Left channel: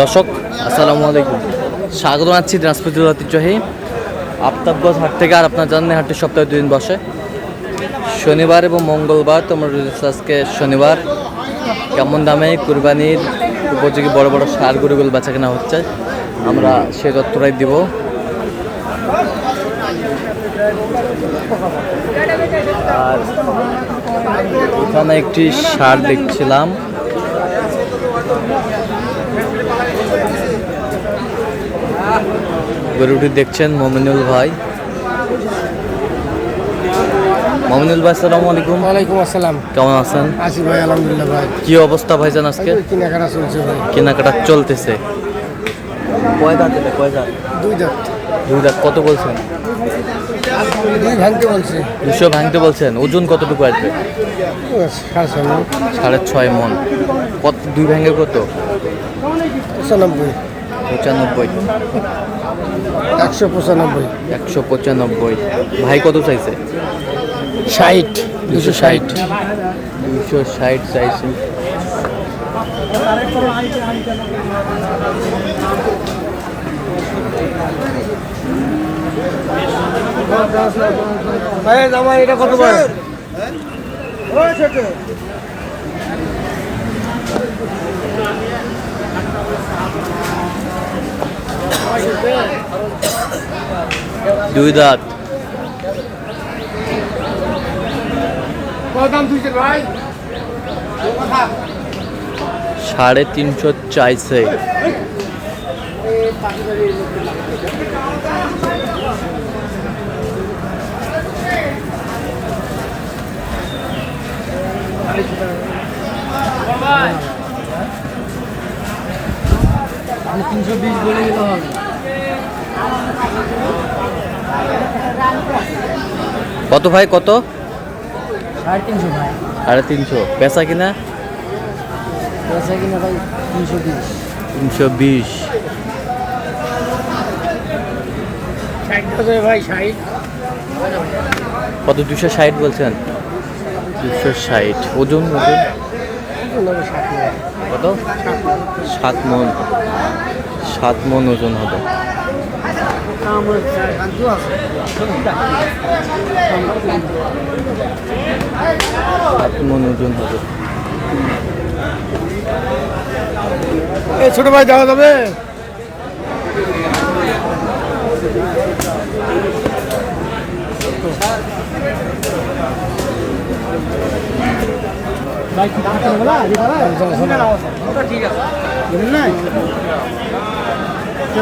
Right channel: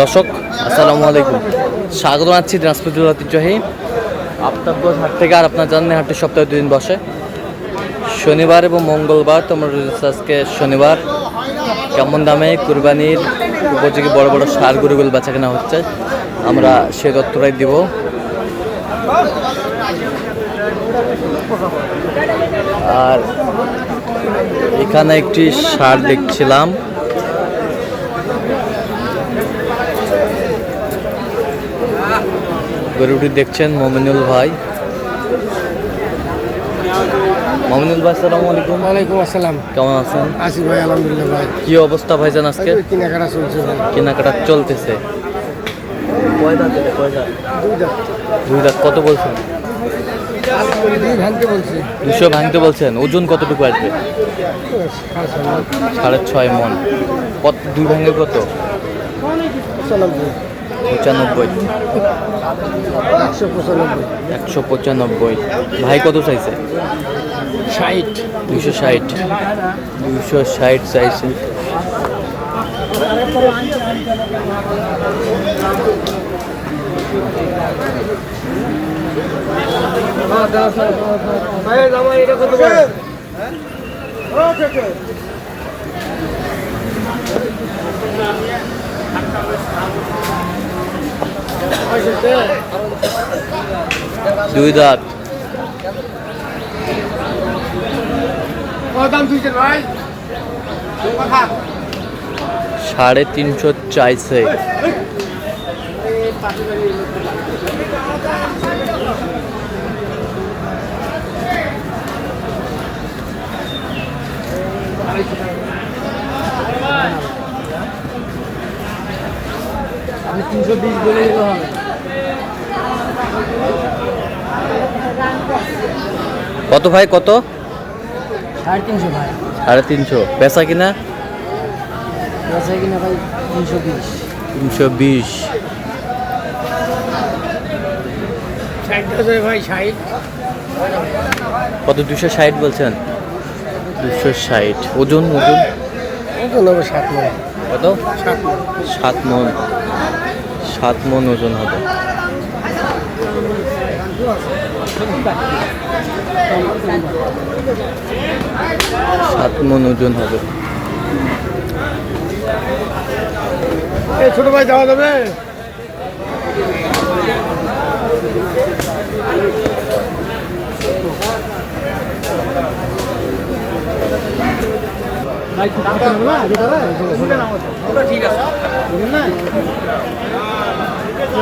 দর্শক আসসালামু আলাইকুম, স্বাগত জানাচ্ছি দিনাজপুর জেলার ঐতিহ্যবাহী আফতাবগঞ্জ হাট থেকে। আর আপনার জানেন হাটটি সপ্তাহে 2 দিন বসে, শনিবার এবং মঙ্গলবার। তোমরা আজকে শনিবার কেমন দামে কুরবানির উপযোগী বড় বড় ষাঁড় গরুগুলো বেচা কেনা হচ্ছে, আমরা সেই তথ্যটাই দিব। আর এখানে একটি ষাঁড় দেখছিলাম, গরুটি দেখছেন মমিনুল ভাই। মমিনুল ভাই আসসালামু আলাইকুম। ওয়ালাইকুম আসসালাম। কেমন আছেন? আছি ভাই, আলহামদুলিল্লাহ ভাই। কি অবস্থা ভাইজান আজকে? কেনাকাটা চলছে ভাই। কেনাকাটা চলতেছে। কয় দাঁত এটা? কয় দাঁত? দুই দাঁত। কত বলছেন? 2 ভাঙতে বলছে। 200 ভাঙতে বলছেন। ওজন কতটুকু আসবে? 6.5 মন। কত 2 ভাঙে কত? 95। 195। ভাই কত চাইছে? 60। 260 চাইছে। এটা কত ভাই? দুই দাঁত। দাম দিচ্ছেন ভাই? 350 চাইছে। আপনি 320 বলে দিতে হবে। কত ভাই কত? 350 ভাই। 350 বেচা কিনা? বেচা কিনা ভাই 320। 320 ভাই 60। কত? 260 বলছেন? 260। ওজন ওজন কত? 7 মন। 7 মন ওজন হবে। 7 মন ওজন হবে। ছোট ভাই যাওয়া যাবে? ভাই কি টাকা নেবে না? ঠিক আছে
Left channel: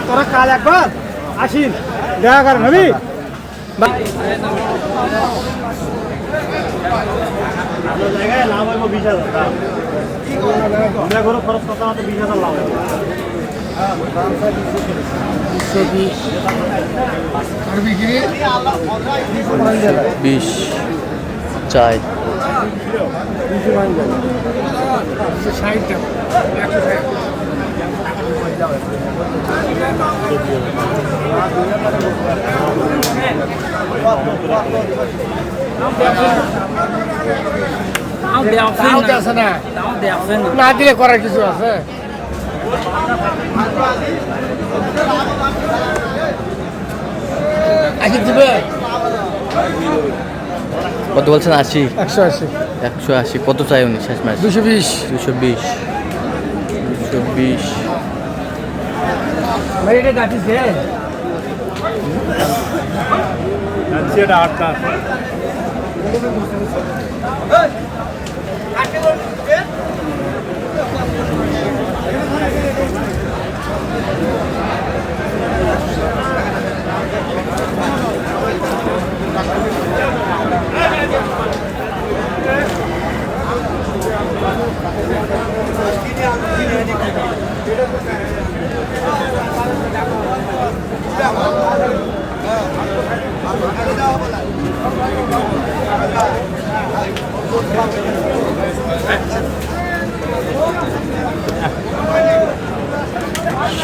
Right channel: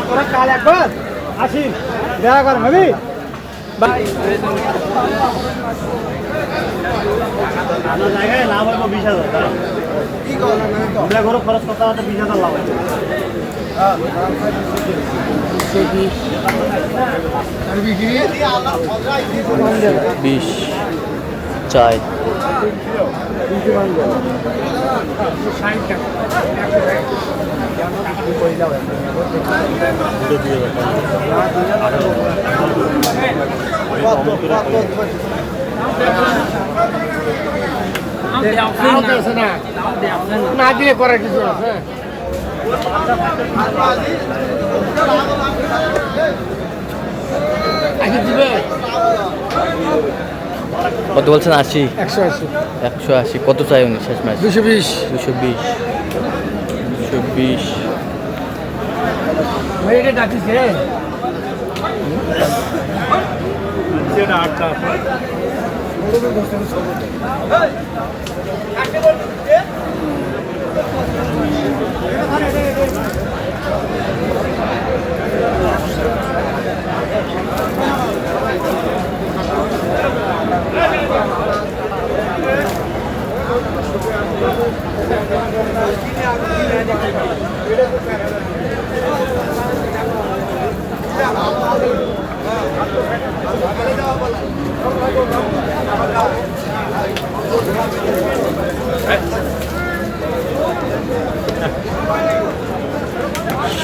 তোরা কাল একবার আসিন দেখা করেন ভাবি। আপনার জায়গায় নাম হইব 20,000। আমরা ঘরে খরচ করতে আমাদের 20,000 লাভ হবে। 20 চাই। না দিলে করার কিছু আছে? কত বলছেন? 80। 180। 180 কত চাই উনি শেষ ম্যাচ? 220। 220 ভাই এটা ডাটিছে এটা 8টা আছে।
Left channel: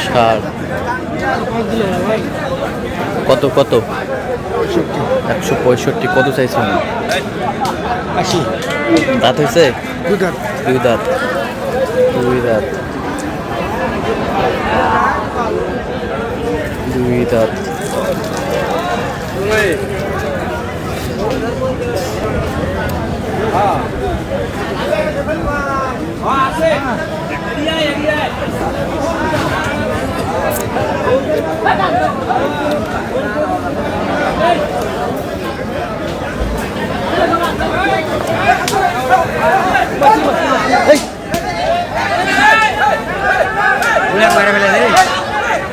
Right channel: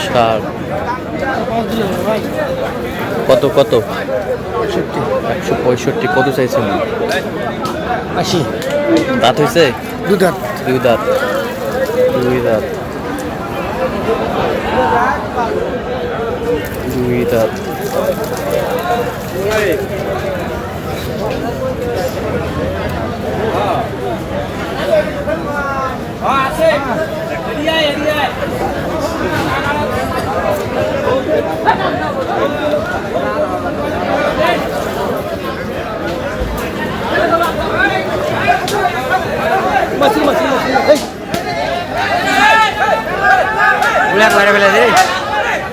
ষাট। কত কত? 165। কত চাইছেন? 80। দাঁত হয়েছে? দুই দাঁত। দুই দাঁত। দুই দাঁত। দুই দাঁত।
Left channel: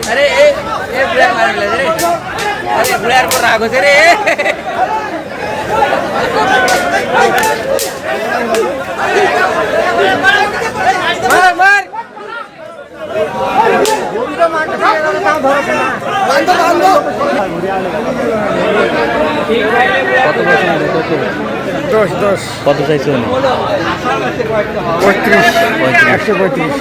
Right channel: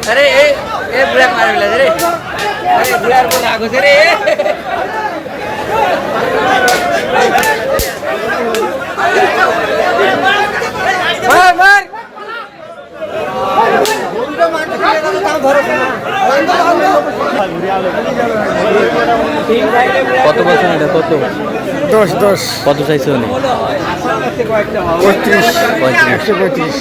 अरे ए ब्लैक मार गया रे अरे ब्लैक पर रागो से रे मार কত বছর এটা কত? 10 কত চাইছে উনি? 35 35। 135।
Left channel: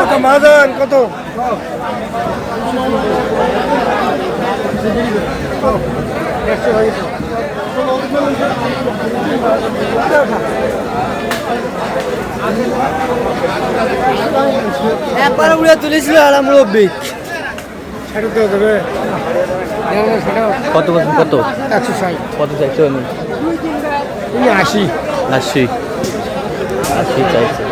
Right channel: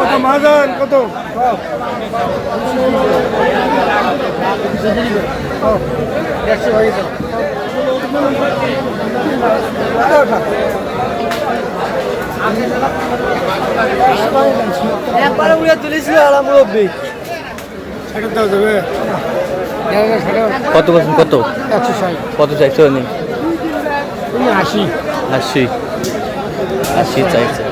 কত মাদান কত একবার উড়ে তুলেছিল আর মুরব্বী কত বছর কত? 160 কত চাইছে উনি? 80 80। 80 চাইছে।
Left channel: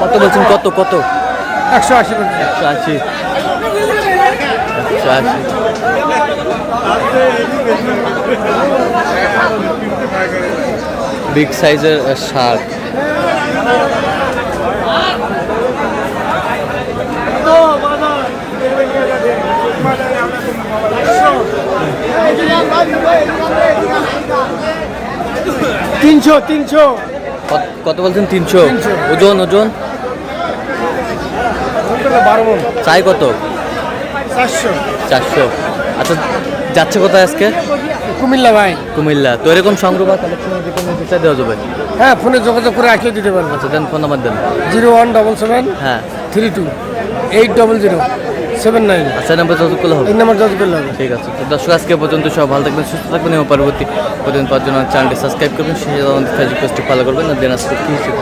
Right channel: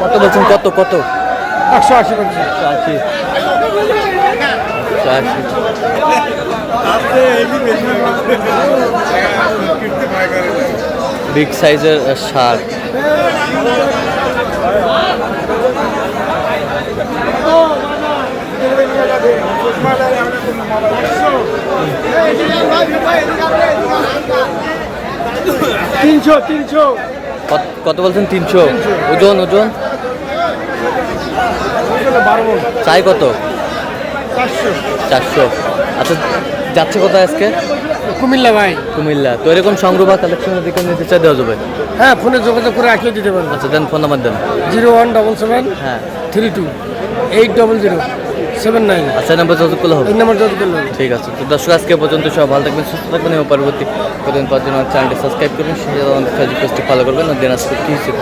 কত বলছেন? কত কত? 180 বলছি। 180। 180। বিগ সাইজের শার্ক। তিনশো কত বলছেন? 300। ওজন ওজন চাই কত? 400। আচ্ছা, যাচ্ছে কোথায় আজকে? কুমিল্লা ভাই। কুমিল্লা। তো এরকম সংগ্রহ বা কালেকশনের দিকে নিতে চাই দেওয়া যাবে? হ্যাঁ, ফোনে যোগাযোগ করে আসলে দিতে পারবো। আচ্ছা, দেন ফোন নাম্বার দেন। 0177 হ্যাঁ। 32 800 79। আচ্ছা, নাম্বার যোগাযোগ করলে হবে। এই নাম্বার যোগাযোগ করলে হবে। ঠিক আছে। তো দর্শক, আজকে পর্যন্ত সব ভালো থাকবেন, সুস্থ থাকবেন এবং পরবর্তী প্রতিদিন পাওয়ার জন্য চ্যানেলটি সাবস্ক্রাইব করবেন, সেই আমাদের ফেসবুক পেজটি ফলো করবেন আর দিনাজপুর কি হিসেবে